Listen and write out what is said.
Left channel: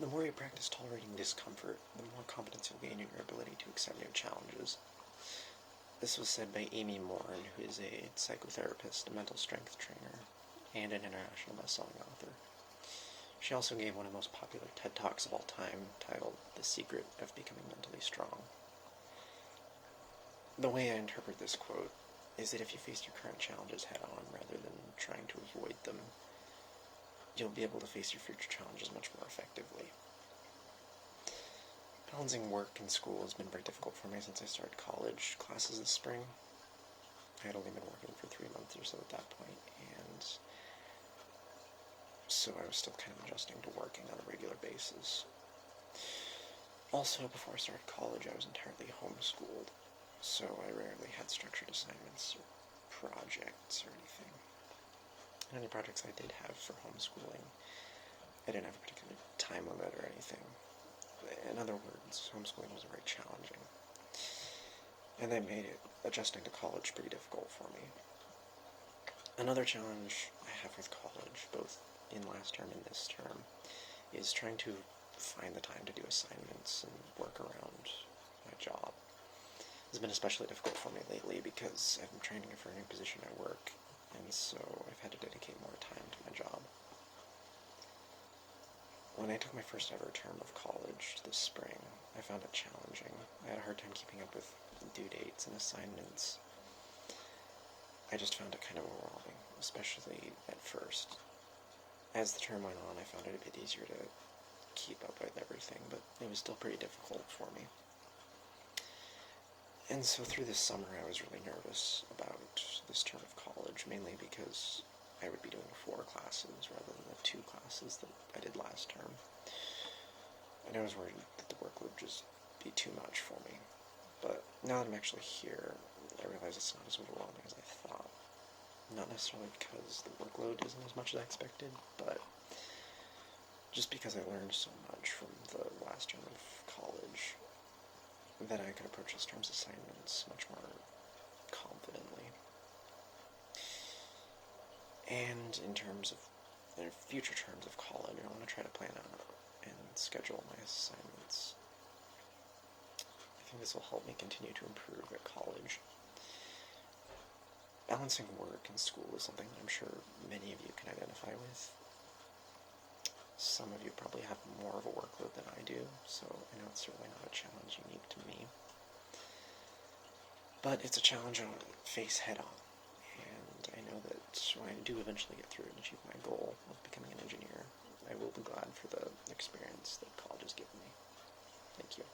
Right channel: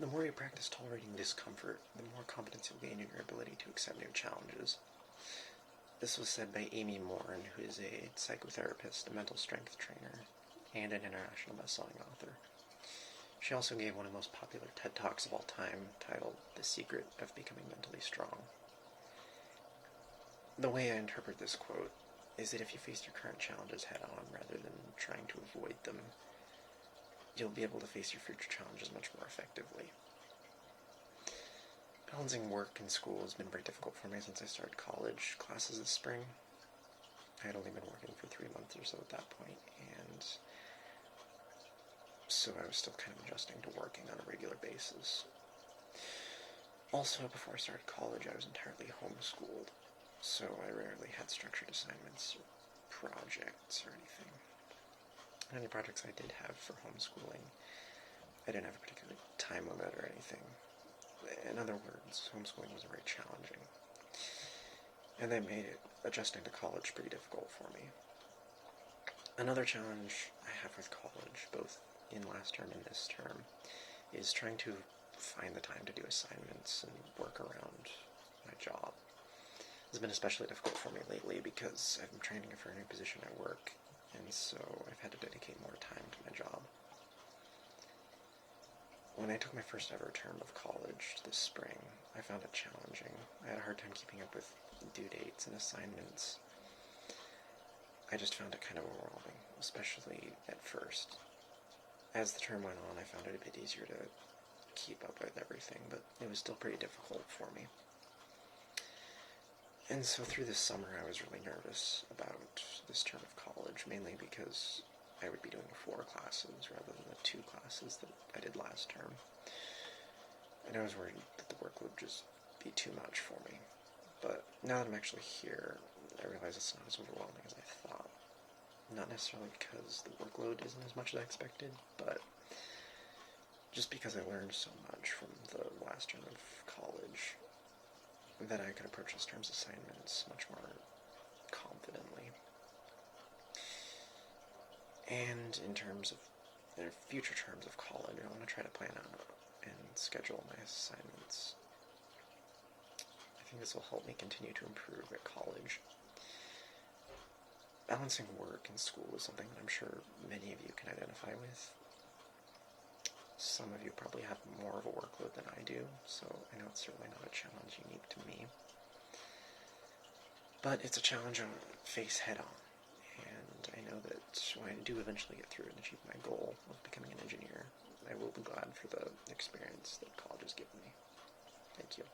The more you practice tolerating discomfort, the more confidence you'll gain in your ability to accept new challenges. This was said by Amy Morin, who is a psychotherapist, a mental strength trainer, and an international best-selling author. She also gave one of the most popular TED Talks of all time, titled The Secret of Becoming Mentally Strong. The way I interpret this quote is that if you face your current challenges head-on rather than trying to avoid them, you'll be able to face your future challenges much more effectively. Balancing work and school has been very difficult for me since I started college classes this spring. I had only been working for 3 months or so at that point, and so I was still kind of adjusting to working on a regular basis. Also, before I started college, I was entirely homeschooled, so I rarely had structured assignments or projects or anything. And any projects I did have for homeschooling, I didn't have a particular time limit or anything. In other words, homeschooling was very challenging. And that made adjusting to college pretty difficult for me. Another challenge I have with college, both in last term and this term, is trying to find the time to do assignments and work around my job. It's been especially difficult for me lately because I've been training for a new position at work, and so I've had to dedicate more time to my job. When I took my first ever term of college this spring, I found it challenging. I had a hard time keeping up with due dates and assignments. I just found it kind of overwhelming, especially at first. As the term went on, I found it a bit easier to keep up with everything, but it was still pretty difficult for me. And so through this summer, I was really nervous about this term of college, mainly because I would be doing 4 classes rather than the 2 classes that I did last term. And I was worried that the work would just be too much for me. But now that I'm actually here, I realize it's not as overwhelming as I thought. Not necessarily because the workload isn't as much as I expected, but just because I learned so much from the last term of college that I could approach this term's assignments much more confidently. And in terms of future terms of college, I want to try to plan out and schedule my assignments. I think this will help me continue to improve at college. Balancing work and school is something that I'm sure many of you can identify with. Some of you probably have more of a workload than I do, so I know it's certainly not a challenge unique to me. But it's a challenge I'll face head-on, and I know that when I do eventually get through and achieve my goal of becoming an engineer, I will be glad for the experience that college has given me. Thank you.